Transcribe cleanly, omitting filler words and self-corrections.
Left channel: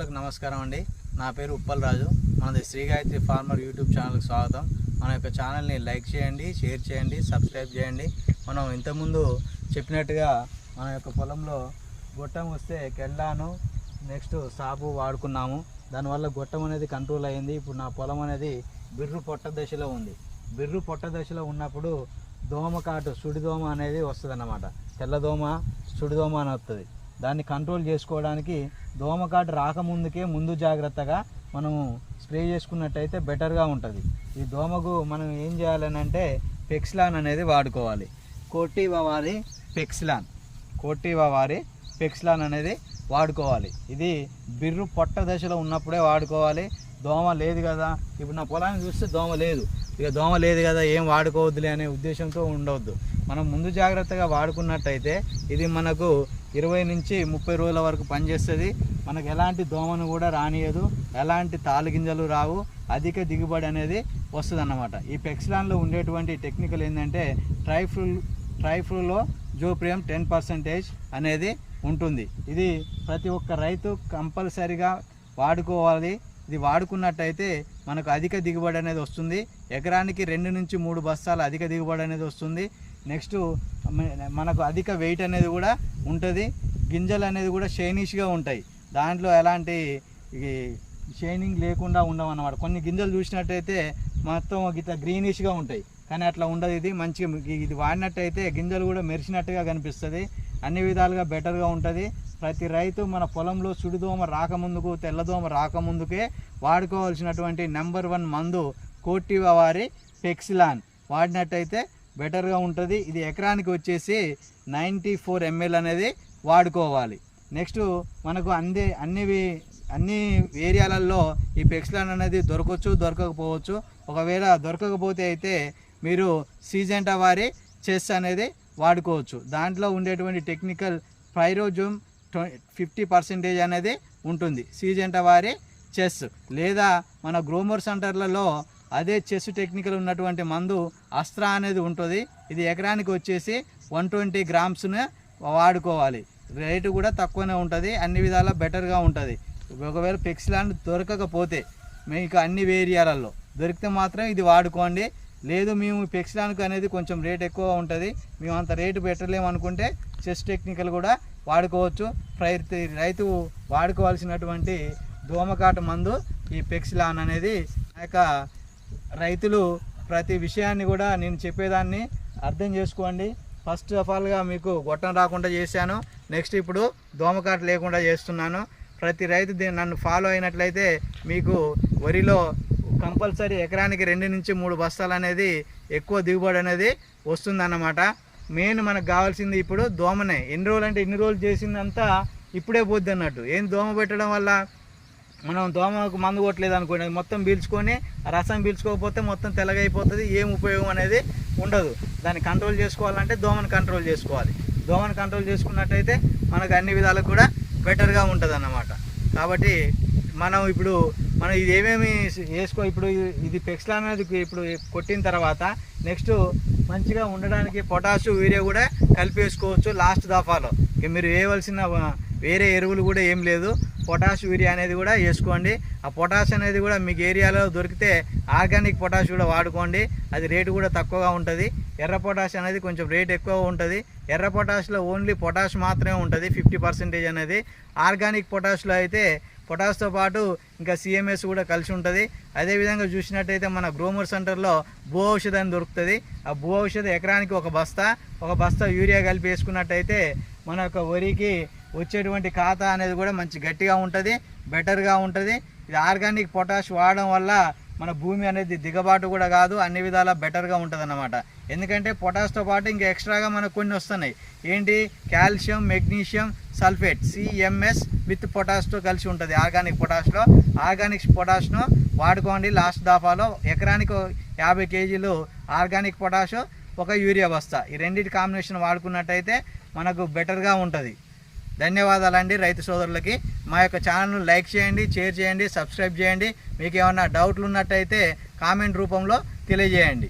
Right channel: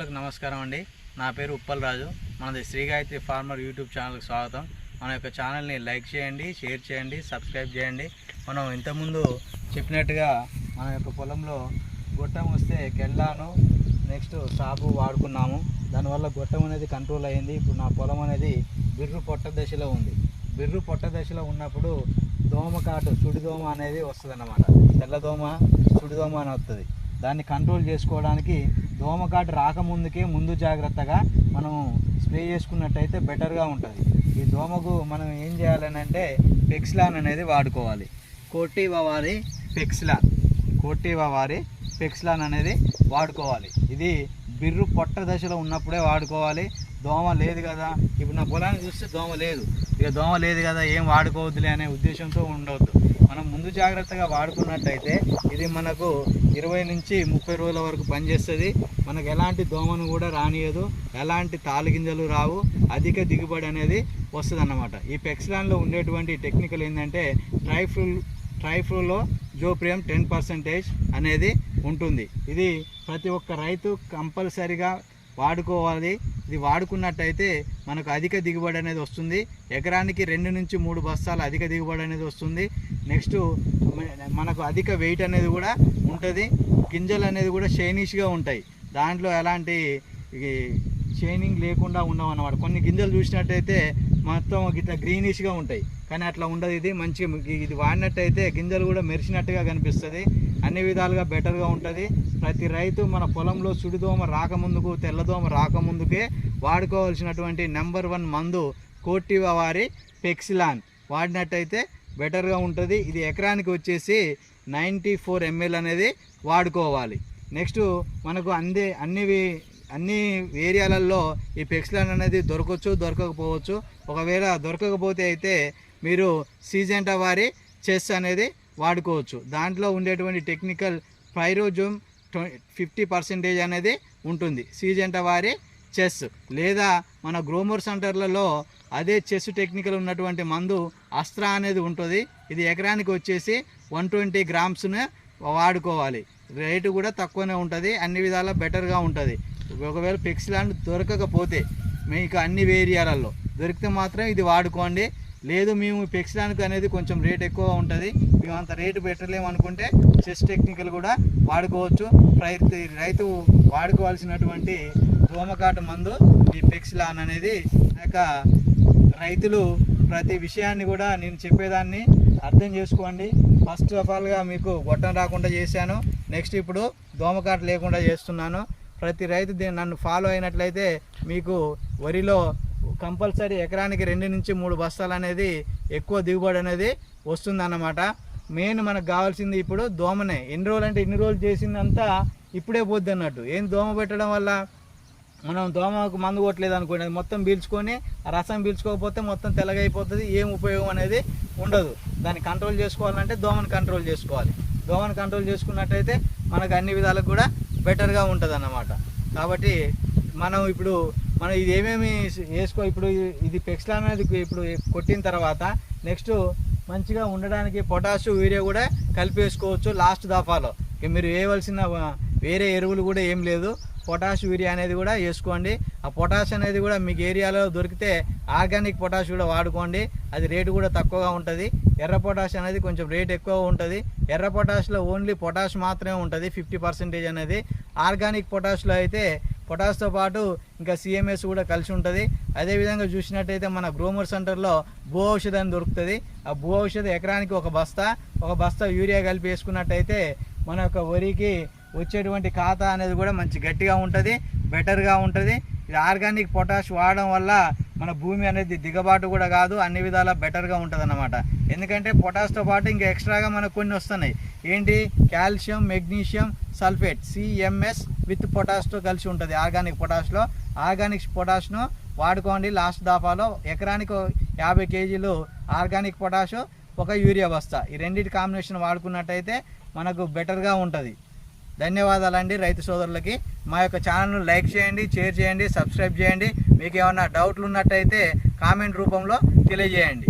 నమస్కారం అండి. నా పేరు ఉప్పల్ రాజు. మనది శ్రీ గాయత్రి ఫార్మర్ యూట్యూబ్ ఛానల్కి స్వాగతం. మన యొక్క ఛానల్ని లైక్ చేయండి, షేర్ చేయండి, సబ్స్క్రైబ్ చేయండి. మనం ఇంతకుముందు చెప్పినట్టుగా మన యొక్క పొలంలో గొట్టం వస్తే కెళ్ళాను నెక్స్ట్ సాపు వాడుకున్నాము. దానివల్ల గొట్టం అనేది కంట్రోల్ అయింది. ఇప్పుడు నా పొలం అనేది బిర్రు పొట్ట దశలో ఉంది. బిర్రు పొట్ట దశలో ఉన్నప్పుడు దోమకాటు సుడిదోమ అనేది వస్తుంది అన్నమాట. తెల్లదోమ సుడిదోమ అని వస్తుంది. దాన్ని కంట్రోల్ చేసుకోవడానికి దోమకాటు రాకముందుకే ముందు జాగ్రత్తగా మనం స్ప్రే చేసుకున్నట్టయితే బెటర్గా ఉంటుంది. ఈ దోమకు మనం ఏం చేయాలని అంటే పెక్సిలాన్ అనేది వాడుకోవాలి. కోటివా వారి పెక్సిలాన్ అనేది వాడుకోవాలి. ఇది బిర్రు పొట్ట దశలో ఉన్నప్పుడే వాడుకోవాలి. దోమ లేదు కదా, ఇప్పుడు నా పొలాన్ని చూస్తే దోమ లేదు, ఇక దోమ లేదు కదా ఏం వాడుకోవద్దులే అనే ఉద్దేశంతో ఉండవద్దు. మనం ముందు జాగ్రత్తగా వాడుకున్నట్టయితే ఇది మనకు 20 నుంచి 30 రోజుల వరకు పనిచేస్తుంది. మనకు ఎలాంటి దోమను కూడా రానియదు, ఎలాంటి తాలుగింజలు రావు, అధిక దిగుబడి అనేది వస్తుంది అన్నమాట. ఈ పెక్సిలాన్లో ఉండేటువంటి టెక్నికల్ ఏంటంటే ట్రైఫ్లూలో జోప్రియం 10% అనేది ఉంటుంది. ఇది ప్రతి ఒక్క రైతు కంపల్సరిగా వాడుకోవాలి. ఇది వాడుకున్నట్టయితే మనకు అధిక దిగుబడి అనేది వస్తుంది. ఎకరానికి 2 నుంచి 3 బస్తాలు అధిక దిగుబడి అనేది వస్తుంది. నెక్స్ట్ మనకు అధిక వెయిట్ అనేది కూడా ఉంటుంది. గింజలు అనేది కూడా షైనిష్గా ఉంటాయి. దాంట్లో ఎలాంటి షైనింగ్ లేకుండా ఉండవు అన్నమాట. కొన్ని గింజలు చూసినట్టయితే మొత్తం ఇట్లా గ్రీనిష్గా ఉంటాయి, కానీ అట్లా ఉండదు. ఇది మంచిగా ఇది వాడినట్టయితే గింజలు కూడా మెరిసినట్టుగా కనిపిస్తుంది. అన్ని విధాలుగా బెటర్గా ఉంటుంది. ప్రతి రైతు మన పొలంలో సుడిదోమ రాకముందుకు, తెల్లదోమ రాకముందుకే వాడుకోవాల్సినటువంటి నెంబర్ 1 మందు కోటివా వారి పెక్సిలాన్ వాడినట్టయితే బెటర్గా ఉంటుంది. ఇది ఎకరానికి వచ్చేసి 94 ml అనేది వాడుకోవాలి. నెక్స్ట్ మనకు అన్ని ఏరియాలలో ఈ పెక్సిలాన్ అనేది దొరకవచ్చు, దొరకకపోవచ్చు. ఒకవేళ దొరకకపోతే అయితే మీరు సిజెంటా వారి చెస్ అనేది వాడుకోవచ్చు. దాంట్లో ఉండేటువంటి టెక్నికల్ పైరోజోమ్ 50% అనేది ఉంటుంది. సిజెంటా వారి చెస్ లేదా మన గ్రోమర్ సెంటర్లలో అదే చెస్ టెక్నికల్ ఉన్నటువంటి మందు అస్త్రా అనేది ఉంటుంది. ఇది ఎకరానికి వచ్చేసి 120 గ్రామ్స్ను వాడుకోవాలి. రేటు కూడా తక్కువనే ఉంటుంది. అన్ని విధాలా బెటర్గా ఉంటుంది. ఒకవేళ పెక్సిలాన్ దొరకకపోతే మీకు అన్ని ఏరియాలలో దొరికితే మాత్రం ఇది వాడుకోండి. లేదు మేము పెక్సిలాన్కు అనేది కొంచెం రేట్ ఎక్కువ ఉంటుంది, మేము అంత రేటు పెట్టలేము అనుకుంటే చెస్ టెక్నికల్ కూడా వాడుకోవచ్చు. రైతు వాడుకోవాల్సినటువంటి దోమకాటు మందు ఈ పెక్సిలాన్ అనేది. రైతులు ప్రతి విషయాన్ని కూడా నేను చెప్పేదాన్ని అర్థం చేసుకోండి. ఫస్ట్ ఆఫ్ ఆల్గా మీకు గొట్టం రాకుండా చేశాను, నెక్స్ట్ ఇప్పుడు దోమకాటు లేకుండా చేస్తున్నాను. ప్రతి రైతు నన్ను ఫాలో అయినట్లయితే మీకు వరిలో కంపల్సరీ ఎకరానికి 2 నుంచి 3 బస్తాలు అనేది ఎక్కువ దిగుబడి అనేది వస్తుందన్నమాట. మెయిన్ మనకు కావాల్సింది ఇప్పుడు దోమనే. ఎన్ని రోజులు అంటే ఇన్ని రోజులు చేసిందంతా ఇప్పుడే పోద్ది అన్నట్టు. ఏం దోమ పెట్టడం వల్ల మనం దోమకు మందు కొట్టలేదు అనుకోండి, మొత్తం పీల్చుకొని రసం పీల్చుకోకపోతే మొత్తం తెల్లగా అయిపోతుంది. ఏం ఉపయోగం అనేది ఉండదు. దాన్ని కంట్రోల్ చేసుకోవాలంటే దోమను కంట్రోల్ చేసుకోవాలి. దోమను కంట్రోల్ చేసుకున్నట్టయితే మనకు అన్ని విధాలకు కూడా బెటర్గా ఉంటుంది అన్నమాట. కాబట్టి మనం ఇది ఏమేమి ఇప్పుడు ఇది పెక్సిలాన్ అనేది ఇప్పుడు కొట్టిన తర్వాత నెక్స్ట్ మంచిగా ఉండడానికి పొటాషు, యూరియా కూడా కలిపేసుకోవచ్చు లాస్ట్ దఫాలో. మీరు వేయవలసిన వేరే ఎరువులు కూడా ఏం లేదు, పొటాష్, యూరియా అనేది కూడా వేసుకోండి. ఆ పొటాష్ అనేది కూడా మీకు ఏరియాలో దొరికితే ఆర్గానిక్ పొటాష్ కూడా వాడుకోండి. అది రేటు కూడా తక్కువగా ఉంటుంది. ఎర్ర పొటాష్ అనేది కొంచెం రేట్ ఎక్కువ ఉంటుంది. ఎర్ర పొటాష్లో ఓన్లీ పొటాష్ మాత్రమే ఉంటుంది 50% అనేది. ఆర్గానిక్ పొటాష్లో అయితే పొటాష్తో పాటు ఇంకా సిఎంఎస్ కూడా కలిసి ఉంటుంది. అదేవిధంగా చూసినట్టయితే మన గ్రోమర్ సెంటర్లో భూ ఔషధం దొరుకుతుంది. ఆ భూ ఔషధం ఎకరానికి ఒక బస్తా యూరియా కలిపి వేసుకున్నట్టయితే మన యొక్క వరికి వచ్చేటువంటి ఖాతా అనేది కూడా మంచి గట్టిగా ఉంటుంది, బెటర్గా ఉంటుంది. ఇది ఆర్గానిక్ పొటాష్ వాడడం వల్ల మన భూమి అనేది దిగబాటు కూడా కాదు, అన్ని విధాలా బెటర్గా ఉంటుంది అన్నమాట. ఎందుకంటే పొటాష్తో పాటు ఇంకా ఎక్స్ట్రాగా మనకు కొన్ని వస్తున్నాయి. ఏంటి? Calcium, magnesium sulphate, CMS with పొటాష్తో కలిసి ఉంటుంది ఆర్గానిక్ పొటాష్లో. ఆర్గానిక్ పొటాష్ను వాడుకోండి లాస్ట్ దఫాలో. ఎకరానికి 50 కేజీలు ఆర్గానిక్ పొటాష్, ఒక యూరియా బస్తా, ఈ రెండింటి కాంబినేషన్ వాడుకున్నట్టయితే మనకు బెటర్గా ఉంటుంది. ధన్యవాదాలండి రైతు సోదరులకి. మా యొక్క ఛానల్ను లైక్ చేయండి, షేర్ చేయండి, సబ్స్క్రైబ్ చేయండి. మీకు ఏమన్నా డౌట్లు ఉన్నట్టయితే కామెంట్ రూపంలో తెలియజేయండి.